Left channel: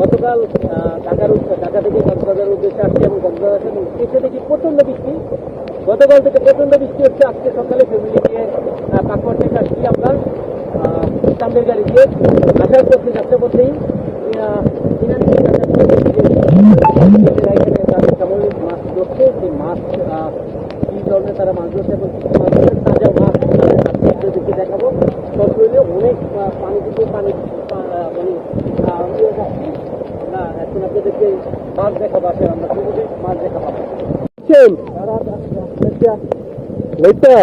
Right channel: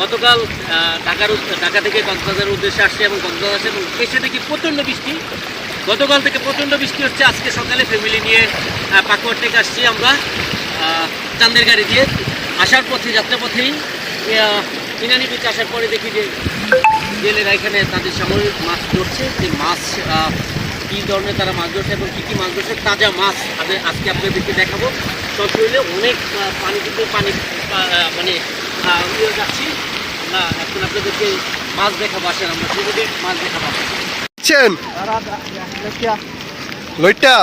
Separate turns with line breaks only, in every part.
গতকাল ঢাকার ঢাকা থেকে কক্সবাজারের উদ্দেশ্যে আসছে এবং কক্সবাজার আসছি এবং এসে দেখি প্রচণ্ড বৃষ্টি। গতকাল থেকে প্রচণ্ড বৃষ্টি হচ্ছে। আজকে সকালে ফ্যামিলি নিয়ে পাকুয়ার থেকে আসছি আমরা চান্দের গাড়ি দিয়ে। আসার পথে যাত্রা পথেই ইনানি বিচ আসার পরে দেখি যে জেলেরা এখানে তাদের সামরিক মাছ ধরছে। যে মাছ কী ধরনের তারা মাছ ধরছে এবং কী কী মাছ ধরছে, তাজা মাছ আমি আজকে আপনাদেরকে দেখাবো। সব শরীরে অনেক পানি কিন্তু পানি মানে ইয়ে যাচ্ছি। না এখন আপনাদেরকে মাছ দেখাবো আসেন আমরা সেগুলি মাছ দেখাবো।
দিচ্ছেন লইট্টা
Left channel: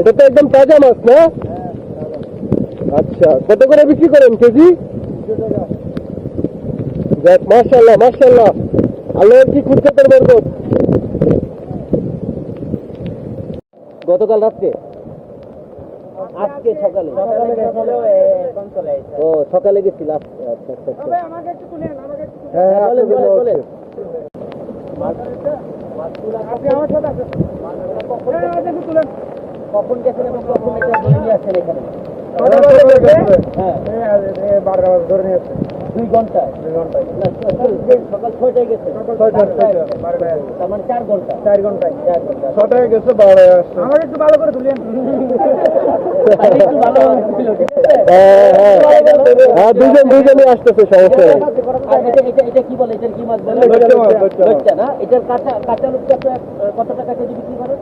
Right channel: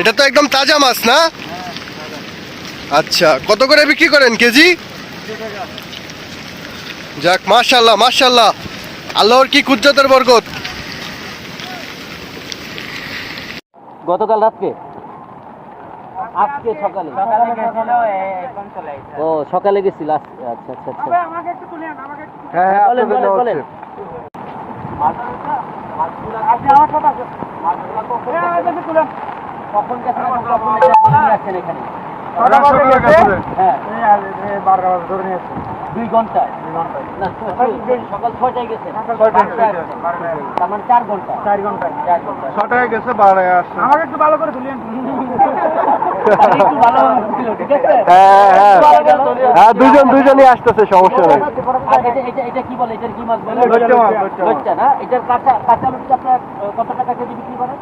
এটা তো একদম তাজা মাছ না? আচ্ছা কত করে বিক্রি করেন কেজি? যাক মাশাল্লাহ মাশাল্লাহ আল্লাহর কি কুজ্জতের বরকত?
গতকাল রাত্রে আজকে সকালে? ও সকালে গেছিল আচ্ছা আচ্ছা আচ্ছা
হ্যাঁ হ্যাঁ
বলেন,
আপনাদের নেওয়া
বলেন,
হচ্ছে।
কখন গেছেন কখন এটা ধরে নিয়ে আসছেন এখানে হ্যাঁ দুই ঘন্টায় না সকাল ছয়টায় গেছেন তার মানে চার ঘণ্টা চার ঘণ্টা চার ঘণ্টা
ছটায় গেছে বারোটায় আসছে।
আমাকে একটু ভালো করে তুলেন
হ্যাঁ হ্যাঁ। হ্যাঁ দুজন দুজনই আসতেছে সমস্যা নেই।
আর এটা এটা এটা কি বলে? এটার কি মাছ বলে?
লইট্টা মাছ, লইট্টা মাছ।
লইট্টা না? এটার কাঁচা কাঁচা আপনার কত টাকা কেজি বিক্রি করেন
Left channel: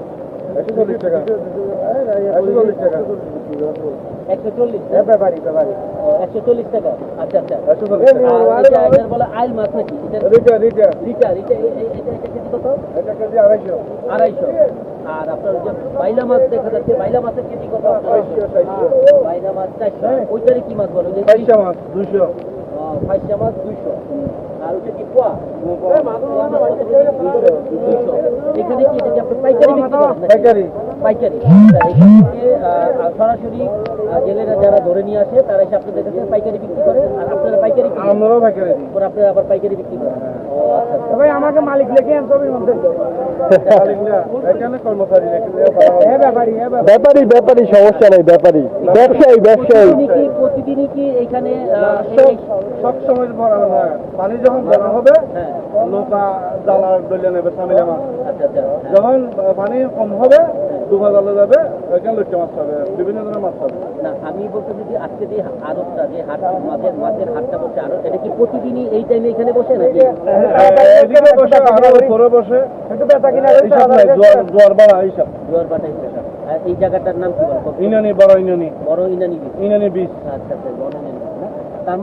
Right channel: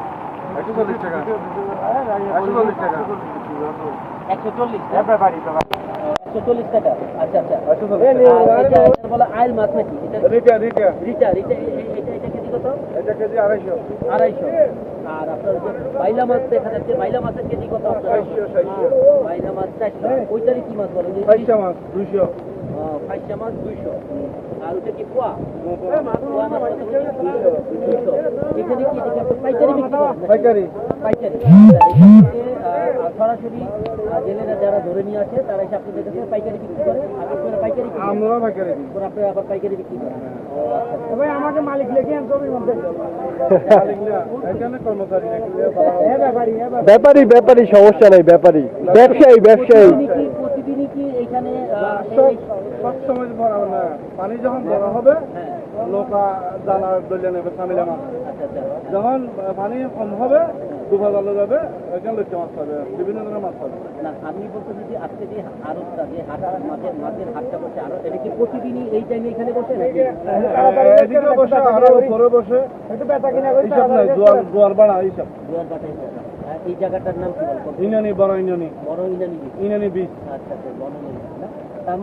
একশো চল্লিশ একশো চল্লিশ টাকা। আচ্ছা আচ্ছা। এটা এটার বলে আইল মাছ নাকি? এটা রিটা রিটা এটা। এ- এ- এটা এটা কেজি কত? আড়াইশো। আর আপনার যে বাইলা মাছ দেখা যাচ্ছে বাইলা মাছের কেজি কত? বাইলা মাছ চারশো। ওইটারই কি মাছ বলো? যে ফাইসা মাছ দুইশো। আর ওইটা কি পোয়া? পোয়া মাছ কত করে? দুইশো। এখানে কি এটা কি আপনার পাইকারি বিক্রি পাইকারি। সরাসরি জেলেরা যারা ধরে নিয়ে আসে তারা এসে আপনাদের কাছে পাইকারি বিক্রি করে আর আপনারা পাইকারি
আমরাও ভাই করে
আপনারা আবার পাইকারি বিক্রি করেন। ও আচ্ছা আচ্ছা।
ভাই আমাকে মালিক লেখে আন মধ্যে হ্যাঁ ব্যাপারি হ্যাঁ ব্যাপারি।
ব্যাপারী সমস্যা নাই ব্যাপারী। ব্যবসায়ী ব্যবসায়ী।
প্রতিদিনই কি প্রতিদিনই কি এখানে
সব সময় ভরা না। পানি যখন ভরা হবে
হ্যাঁ।
নৌকা জালা দলিয়া নেবে সামিলা মাছ
আচ্ছা।
যখন পানি কম হবে ডুবা জালে যাবে এখানে লইট্টা মাছ পাবে বিভিন্ন ধরনের মাছ পাবে।
না আমি বলতে যদি আজকে যে আড়তটা যে হাট মাছের মাছের হাটটা বসে আড়ত এটা কি প্রতিদিনই এই টাইমে এখানে বসে নাকি?
এদিকে বসে আরও ঘরে বসে।
একটু বেচা কিনা
এইসব নাই জোয়ার জোয়ার বাড়া এইসব।
জোয়ার বাটা হিসেবে এই জায়গাটার নাম কি বলব
ইনানি বড় ইনানি।
বড় ইনানি
ইনানি বীজ।
আচ্ছা আচ্ছা বড় ইনানি তার মানে